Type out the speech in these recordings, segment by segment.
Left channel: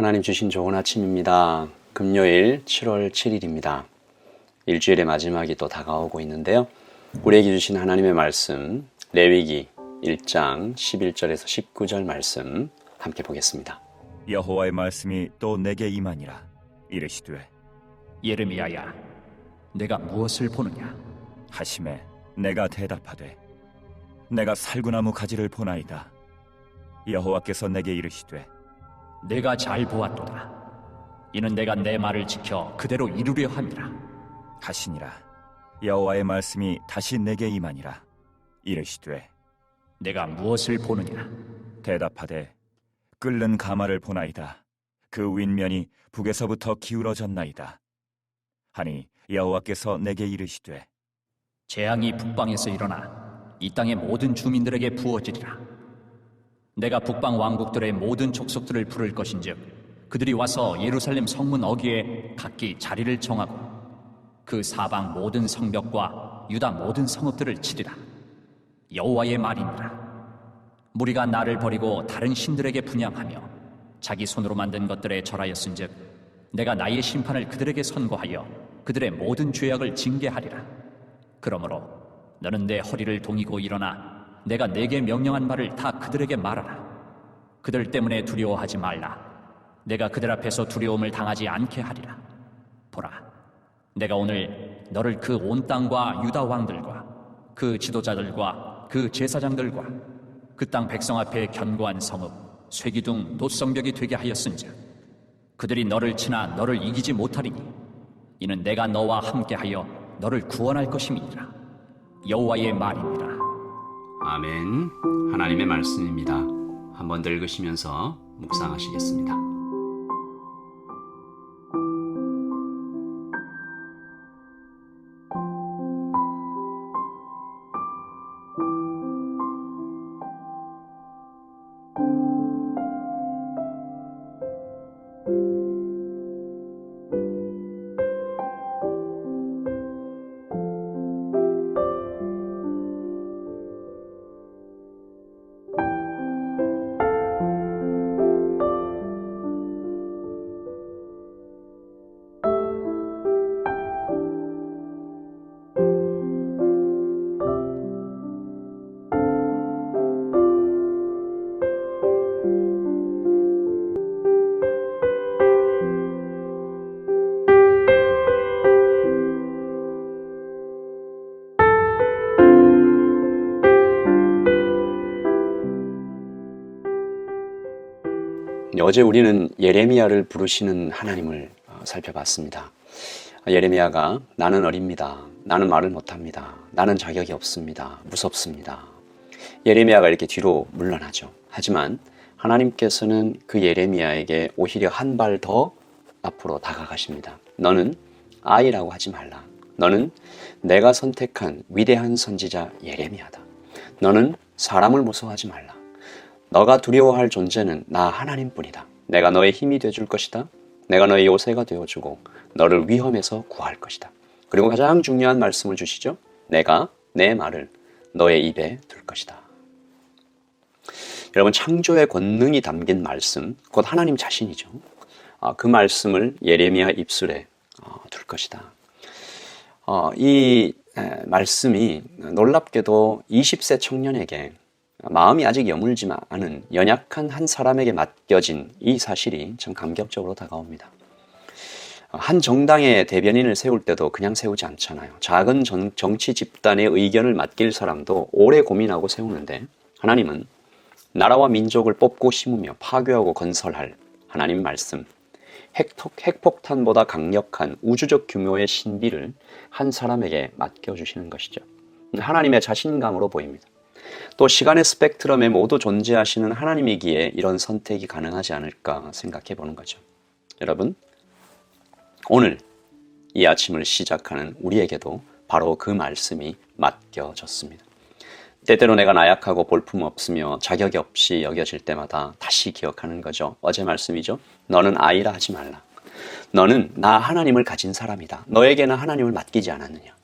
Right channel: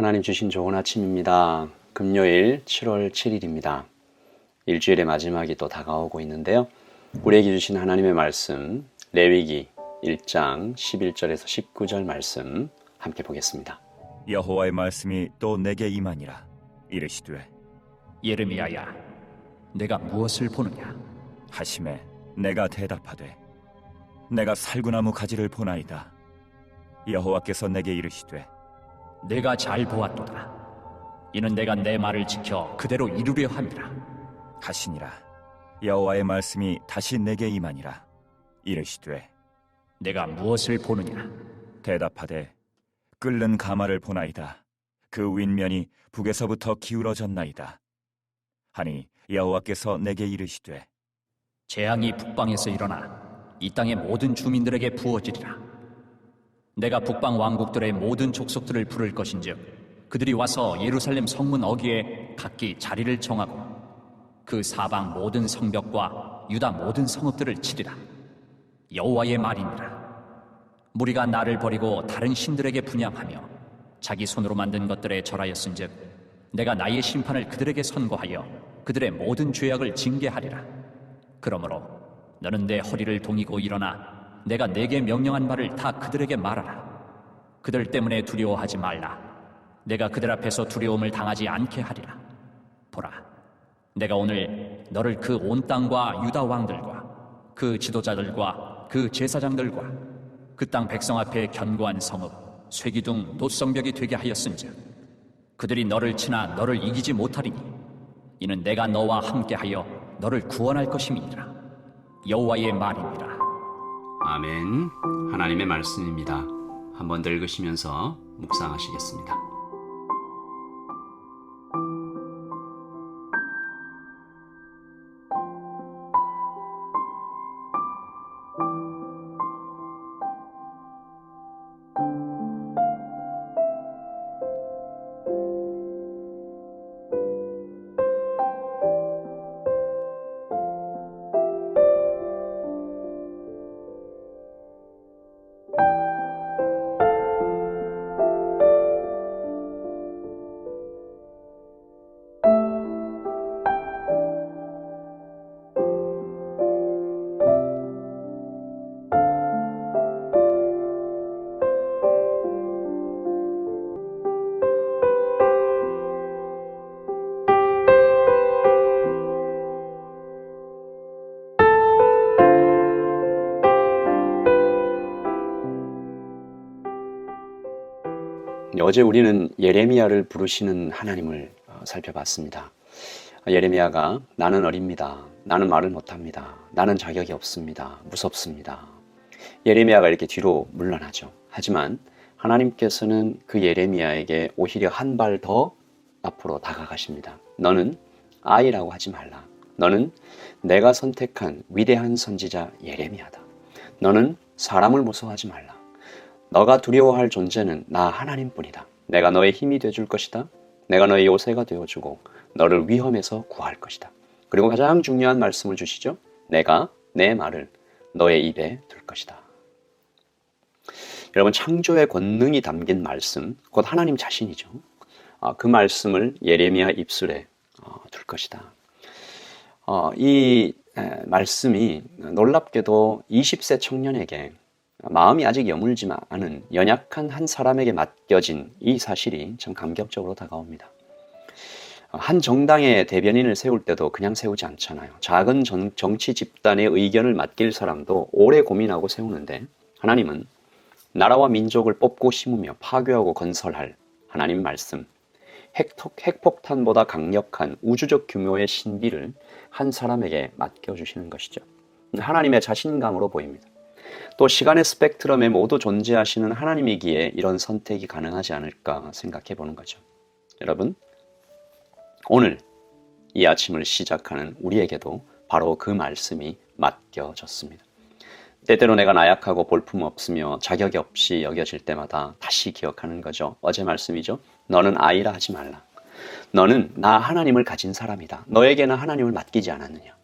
하나님 주신 좋은 아침입니다. 금요일 7월 7일입니다. 일주일의 마지막이 또 다가오고 있는데요. 우리에게 주신 하나님의 말씀 레위기 1장 11절에서 19절 말씀 함께 보겠습니다. 여호와의 말씀이 또 내게 임하니라. 이르시되 예레미야야, 내가 무엇을 보느냐? 하심에 내가 대답하되 내가 살구나무 가지를 보나이다. 여호와께서 내게 이르시되 내가 잘 보았도다. 이는 내가 내 말을 지켜 그대로 이루려 함이라. 하시니라. 여호와의 말씀이 다시 내게 임하니라. 이르시되 내가 무엇을 보느냐? 대답하되 끓는 가마를 보나이다. 그 윗면이 북에서부터 기울어졌나이다. 하니 여호와께서 내게 이르시되 재앙이 북방에서 일어나 이 땅의 모든 주민들에게 부어지리라. 내가 북방 왕국들의 모든 족속들을 부를 것인즉 그들이 와서 예루살렘 성문 어귀에 각기 자리를 정하고 그 사방 모든 성벽과 유다 모든 성읍들을 치리라. 여호와의 말이니라. 무리가 나를 버리고 다른 신들에게 분향하며 자기 손으로 만든 것들에 절하였은즉 내가 나의 심판을 그들에게 선고하여 그들의 모든 죄악을 징계하리라. 그러므로 너는 내 허리를 동이고 일어나 내가 내게 명령한 말을 다 그들에게 말하라. 그들 때문에 두려워하지 말라. 내가 그들 앞에서 두려움을 당하지 않게 하리라. 보라, 내가 오늘 너를 그 온 땅과 유다 왕들과 그 지도자들과 그 제사장들과 그 땅 백성 앞에 견고한 성읍 쇠기둥 노성벽이 되게 하였은즉 그들이 너를 치나 너를 이기지 못하리니 이는 내가 너와 함께하여 너를 구원할 것임이니라. 여호와의 말이니라. 아멘. 하나님의 말씀입니다. 한번 더 읽으시면서 묵상하시겠습니다. 어제 우리는 예레미야를 부르시는 하나님을 살펴봤습니다. 예레미야가 나는 어립니다. 나는 말을 못합니다. 나는 자격이 없습니다. 무섭습니다. 예레미야가 이렇게 뒤로 물러나죠. 하지만 하나님께서는 그 예레미야에게 오히려 한 발 더 앞으로 다가가십니다. 너는 아이라고 하지 말라. 너는 내가 선택한 위대한 선지자 예레미야다. 너는 사람을 무서워하지 말라. 너가 두려워할 존재는 나 하나님뿐이다. 내가 너의 힘이 되어줄 것이다. 내가 너의 요새가 되어주고 너를 위험에서 구할 것이다. 그리고 가장 중요한 말씀을 주시죠. 내가 내 말을 너의 입에 둘 것이다. 여러분, 창조의 권능이 담긴 말씀, 곧 하나님 자신이죠. 그 말씀을 예레미야 입술에 둘 것이다. 이 말씀이 놀랍게도 20세 청년에게 마음이 아직 여물지 않은 연약한 한 사람에게 맡겨진 이 사실이 참 감격적으로 다가옵니다. 한 정당의 대변인을 세울 때도 그냥 세우지 않잖아요. 작은 정치 집단의 의견을 맡길 사람도 오래 고민하고 세우는데 하나님은 나라와 민족을 뽑고 심으며 파괴하고 건설할 하나님 말씀, 핵폭탄보다 강력한 우주적 규모의 신비를 한 사람에게 맡겨주시는 것이죠. 하나님의 자신감으로 보입니다. 또 시간의 스펙트럼에 모두 존재하시는 하나님이기에 이런 선택이 가능하지 않을까 생각해 보는 거죠. 여러분, 오늘 이 아침을 시작하는 우리에게도 바로 그 말씀이 맡겨졌습니다. 때때로 내가 나약하고 볼품없으며 자격이 없이 여겨질 때마다 다시 기억하는 거죠. 어제 말씀이죠. 너는 아이라 하지 말라. 너는 나 하나님을 가진 사람이다. 너에게는 하나님을 맡기지 않았느냐.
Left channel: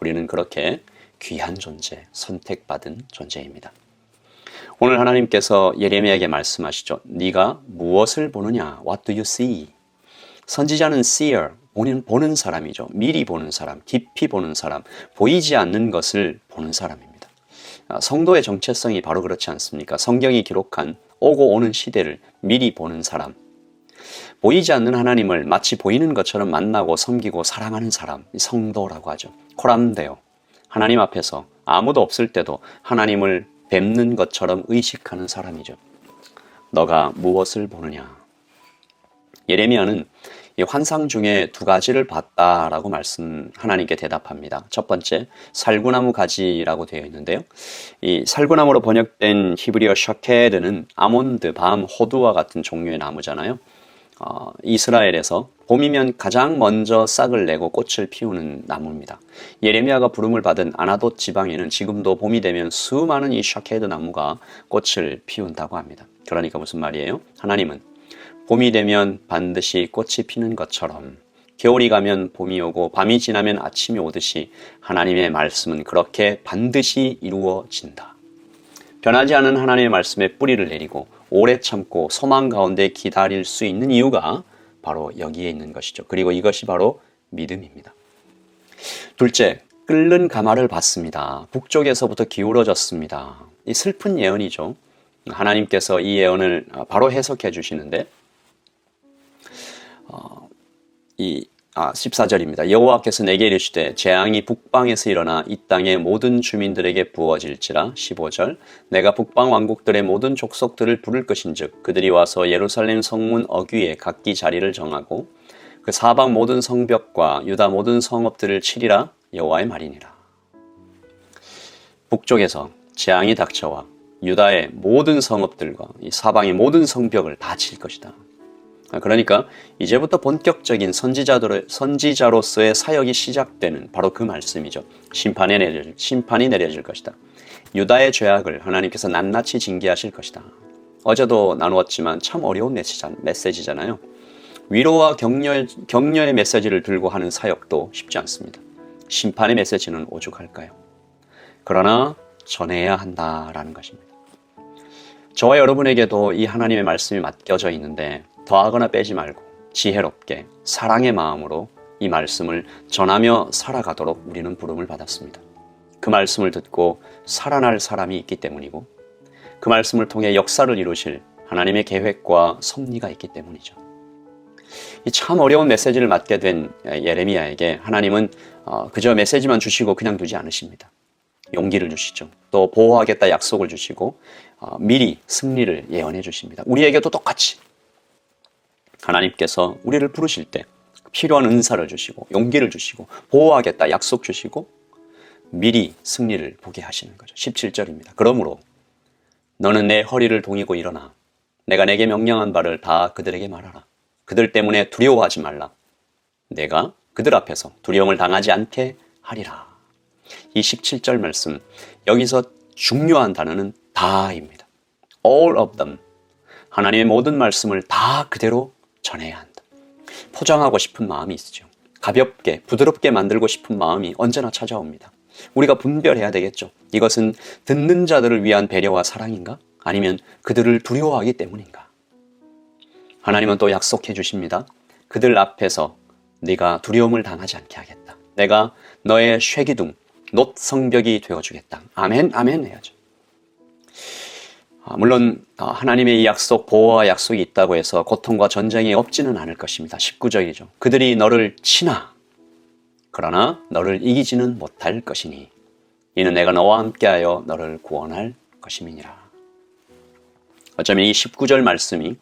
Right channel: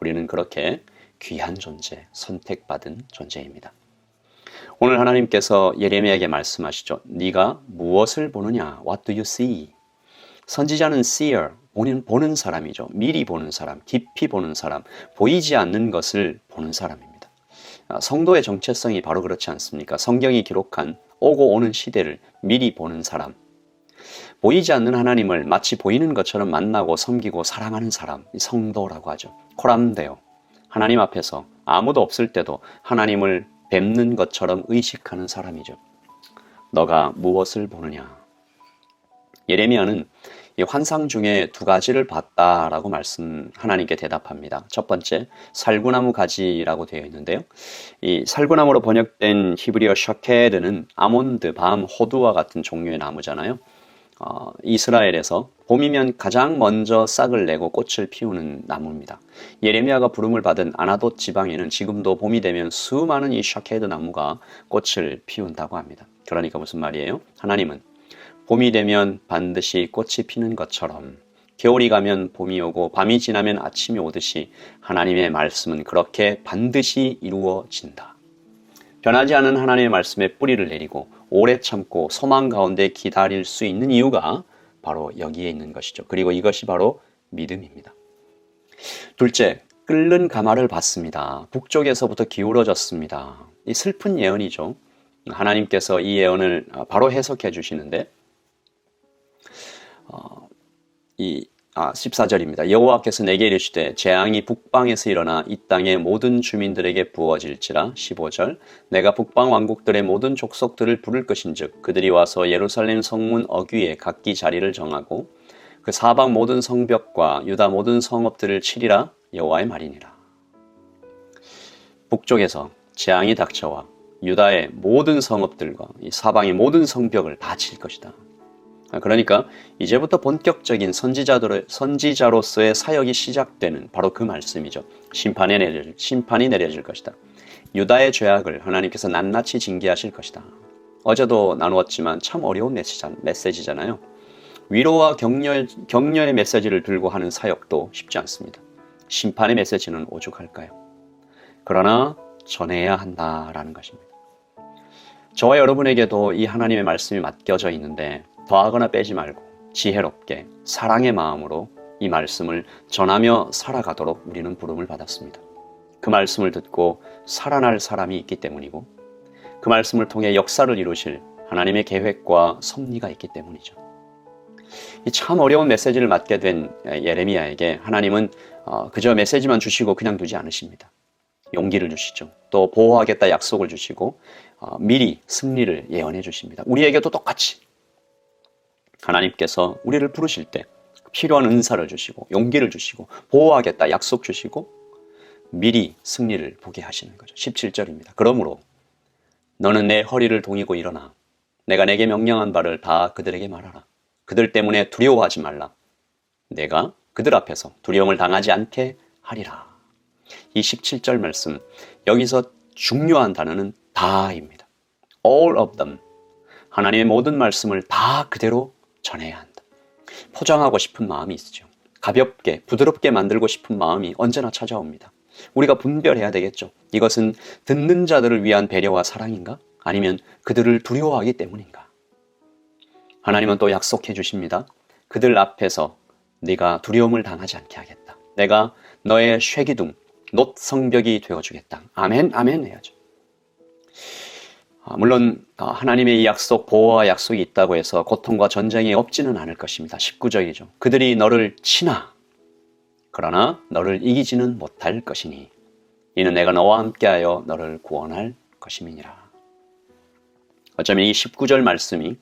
우리는 그렇게 귀한 존재, 선택받은 존재입니다. 오늘 하나님께서 예레미야에게 말씀하시죠. 네가 무엇을 보느냐? What do you see? 선지자는 seer, 보는 사람이죠. 미리 보는 사람, 깊이 보는 사람, 보이지 않는 것을 보는 사람입니다. 성도의 정체성이 바로 그렇지 않습니까? 성경이 기록한 오고 오는 시대를 미리 보는 사람, 보이지 않는 하나님을 마치 보이는 것처럼 만나고 섬기고 사랑하는 사람, 성도라고 하죠. 코람데오, 하나님 앞에서 아무도 없을 때도 하나님을 뵙는 것처럼 의식하는 사람이죠. 너가 무엇을 보느냐? 예레미야는 이 환상 중에 두 가지를 봤다라고 하나님께 대답합니다. 첫 번째, 살구나무 가지라고 되어 있는데요. 이 살구나무로 번역된 히브리어 샤케드는 아몬드, 밤, 호두와 같은 종류의 나무잖아요. 이스라엘에서 봄이면 가장 먼저 싹을 내고 꽃을 피우는 나무입니다. 예레미야가 부름을 받은 아나돗 지방에는 지금도 봄이 되면 수많은 이 샤케드 나무가 꽃을 피운다고 합니다. 그러니까 무슨 말이에요? 하나님은 봄이 되면 반드시 꽃이 피는 것처럼 겨울이 가면 봄이 오고 밤이 지나면 아침이 오듯이 하나님의 말씀은 그렇게 반드시 이루어진다. 변하지 않은 하나님의 말씀에 뿌리를 내리고 오래 참고 소망 가운데 기다릴 수 있는 이유가 바로 여기에 있는 것이죠. 그리고 이것이 바로 믿음입니다. 둘째, 끓는 가마를 봤습니다. 북쪽에서부터 기울어졌습니다. 이 슬픈 예언이죠. 하나님께서 이 예언을 바로 해석해 주시는데 14절입니다. 여호와께서 내게 이르시되 재앙이 북방에서 일어나 이 땅의 모든 주민들에게 부어질지라. 15절 내가 북방 왕국들의 모든 족속들을 부를 것인즉 그들이 와서 예루살렘 성문 어귀에 각기 자리를 정하고 그 사방 모든 성벽과 유다 모든 성읍들을 치리라. 여호와의 말이니라. 북쪽에서 재앙이 닥쳐와 유다의 모든 성읍들과 이 사방의 모든 성벽을 다 칠 것이다. 그러니까 이제부터 본격적인 선지자로서의 사역이 시작되는 바로 그 말씀이죠. 심판이 내려질 것이다. 유다의 죄악을 하나님께서 낱낱이 징계하실 것이다. 어제도 나누었지만 참 어려운 메시지잖아요. 위로와 격려의 메시지를 들고 하는 사역도 쉽지 않습니다. 심판의 메시지는 오죽할까요? 그러나 전해야 한다라는 것입니다. 저와 여러분에게도 이 하나님의 말씀이 맡겨져 있는데 더하거나 빼지 말고 지혜롭게 사랑의 마음으로 이 말씀을 전하며 살아가도록 우리는 부름을 받았습니다. 그 말씀을 듣고 살아날 사람이 있기 때문이고 그 말씀을 통해 역사를 이루실 하나님의 계획과 섭리가 있기 때문이죠. 이 참 어려운 메시지를 맡게 된 예레미야에게 하나님은 그저 메시지만 주시고 그냥 두지 않으십니다. 용기를 주시죠. 또 보호하겠다 약속을 주시고 미리 승리를 예언해 주십니다. 우리에게도 똑같이 하나님께서 우리를 부르실 때 필요한 은사를 주시고 용기를 주시고 보호하겠다 약속 주시고 미리 승리를 보게 하시는 거죠. 17절입니다. 그러므로 너는 내 허리를 동이고 일어나 내가 내게 명령한 바를 다 그들에게 말하라. 그들 때문에 두려워하지 말라. 내가 그들 앞에서 두려움을 당하지 않게 하리라. 이 17절 말씀, 여기서 중요한 단어는 다입니다. All of them. 하나님의 모든 말씀을 다 그대로 전해야 한다. 포장하고 싶은 마음이 있죠. 가볍게, 부드럽게 만들고 싶은 마음이 언제나 찾아옵니다. 우리가 분별해야 되겠죠. 이것은 듣는 자들을 위한 배려와 사랑인가? 아니면 그들을 두려워하기 때문인가? 하나님은 또 약속해 주십니다. 그들 앞에서 네가 두려움을 당하지 않게 하겠다. 내가 너의 쇠기둥, 놋 성벽이 되어주겠다. 아멘, 아멘 해야죠. 물론 하나님의 이 약속, 보호와 약속이 있다고 해서 고통과 전쟁이 없지는 않을 것입니다. 19절이죠. 그들이 너를 치나 그러나 너를 이기지는 못할 것이니 이는 내가 너와 함께하여 너를 구원할 것임이니라. 어쩌면 이 19절 말씀이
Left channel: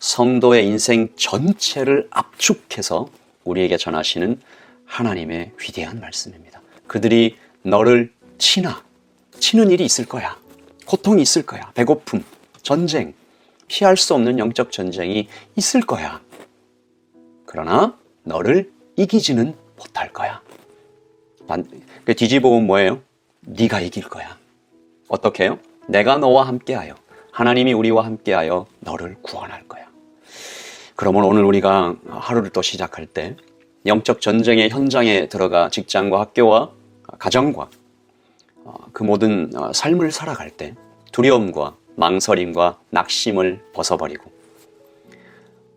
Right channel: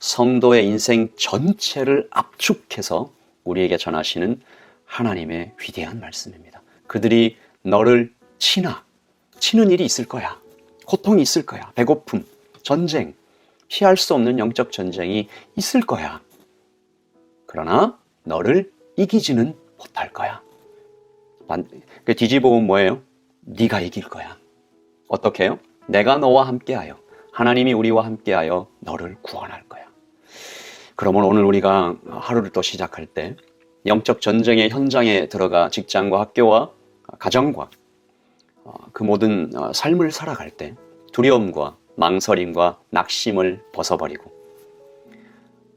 성도의 인생 전체를 압축해서 우리에게 전하시는 하나님의 위대한 말씀입니다. 그들이 너를 치는 일이 있을 거야. 고통이 있을 거야. 배고픔, 전쟁, 피할 수 없는 영적 전쟁이 있을 거야. 그러나 너를 이기지는 못할 거야. 뒤집어보면 뭐예요? 네가 이길 거야. 어떻게 해요? 내가 너와 함께하여, 하나님이 우리와 함께하여 너를 구원할 거야. 그러면 오늘 우리가 하루를 또 시작할 때 영적 전쟁의 현장에 들어가 직장과 학교와 가정과 그 모든 삶을 살아갈 때 두려움과 망설임과 낙심을 벗어버리고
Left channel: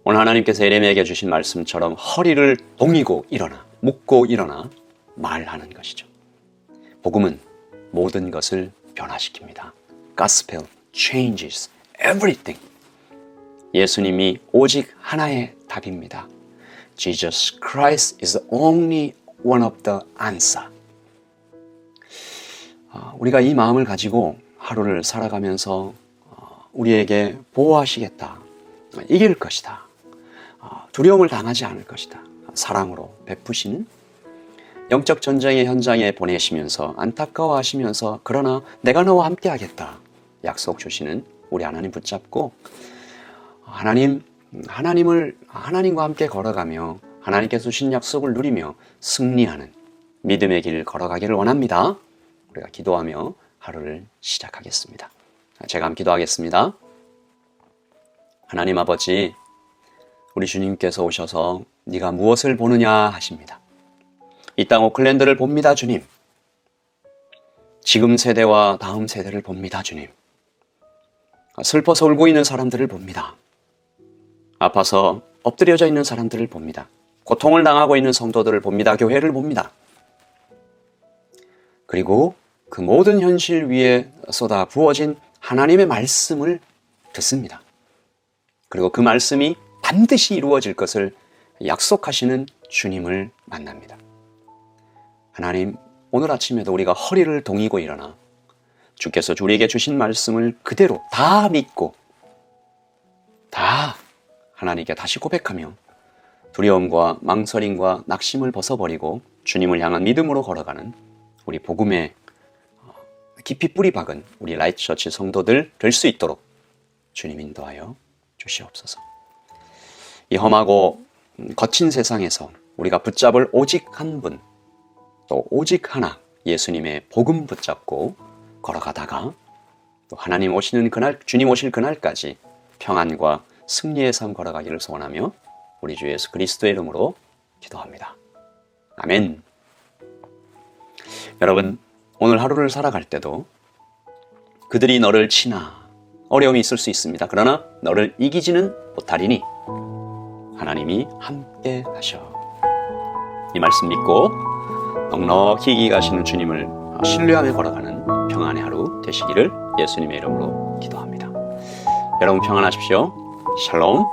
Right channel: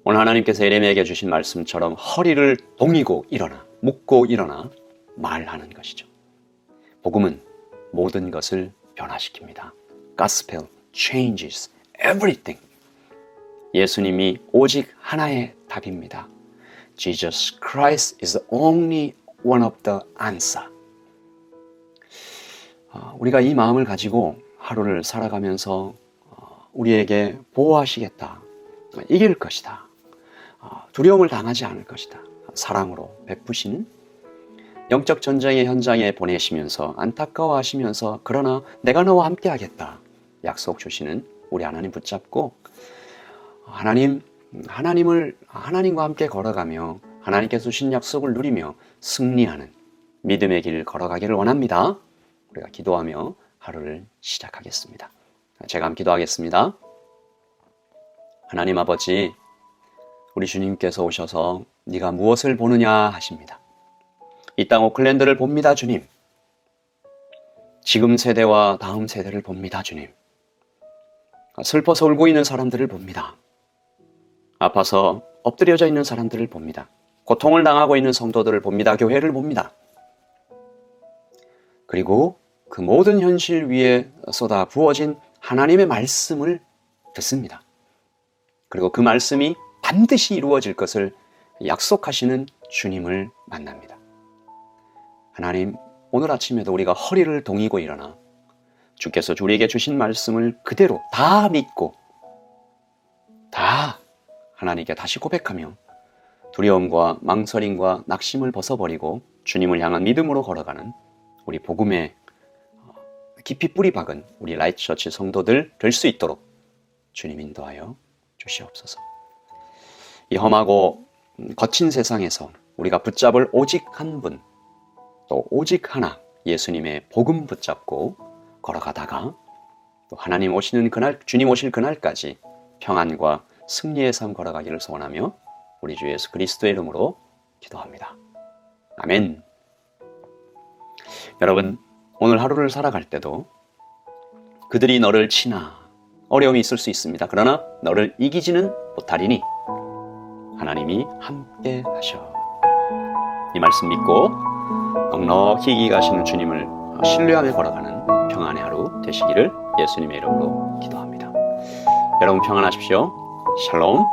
오늘 하나님께서 예레미야에게 주신 말씀처럼 허리를 동이고 일어나, 묶고 일어나 말하는 것이죠. 복음은 모든 것을 변화시킵니다. Gospel changes everything. 예수님이 오직 하나의 답입니다. Jesus Christ is only one of the answer. 우리가 이 마음을 가지고 하루를 살아가면서 우리에게 보호하시겠다, 이길 것이다, 두려움을 당하지 않을 것이다, 사랑으로 베푸시는 영적 전쟁의 현장에 보내시면서 안타까워하시면서 그러나 내가 너와 함께 하겠다 약속 주시는 우리 하나님 붙잡고 하나님과 함께 걸어가며 하나님께서 주신 약속을 누리며 승리하는 믿음의 길을 걸어가기를 원합니다. 우리가 기도하며 하루를 시작하겠습니다. 제가 함께 기도하겠습니다. 하나님 아버지, 우리 주님께서 오셔서 네가 무엇을 보느냐 하십니다. 이 땅 오클랜드를 봅니다, 주님. 지금 세대와 다음 세대를 봅니다, 주님. 슬퍼서 울고 있는 사람들을 봅니다. 아파서 엎드려져 있는 사람들을 봅니다. 고통을 당하고 있는 성도들을 봅니다. 교회를 봅니다. 그리고 그 모든 현실 위에 쏟아 부어진 하나님의 말씀을 듣습니다. 그리고 그 말씀이 반드시 이루어질 것을 약속하시는 주님을 만납니다. 하나님, 오늘 아침에도 우리가 허리를 동이고 일어나 주께서 우리에게 주신 말씀을 그대로 다 믿고 다 하나님께 다시 고백하며 두려움과 망설임과 낙심을 벗어버리고 주님을 향한 믿음으로 걸어가는 우리 복음의 깊이 뿌리 박은 우리 라이트처치 성도들 될 수 있도록 주님 인도하여 주시옵소서. 이 험하고 거친 세상에서 우리가 붙잡을 오직 한 분, 또 오직 하나 예수님의 복음 붙잡고 걸어가다가 또 하나님 오시는 그날, 주님 오실 그날까지 평안과 승리의 삶 걸어가기를 소원하며 우리 주 예수 그리스도의 이름으로 기도합니다. 아멘. 여러분, 오늘 하루를 살아갈 때도 그들이 너를 치나 어려움이 있을 수 있습니다. 그러나 너를 이기지는 못하리니 하나님이 함께 하셔. 이 말씀 믿고 넉넉히 이기가시는 주님을 신뢰하며 걸어가는 평안의 하루 되시기를 예수님의 이름으로 기도합니다. 여러분 평안하십시오. 샬롬.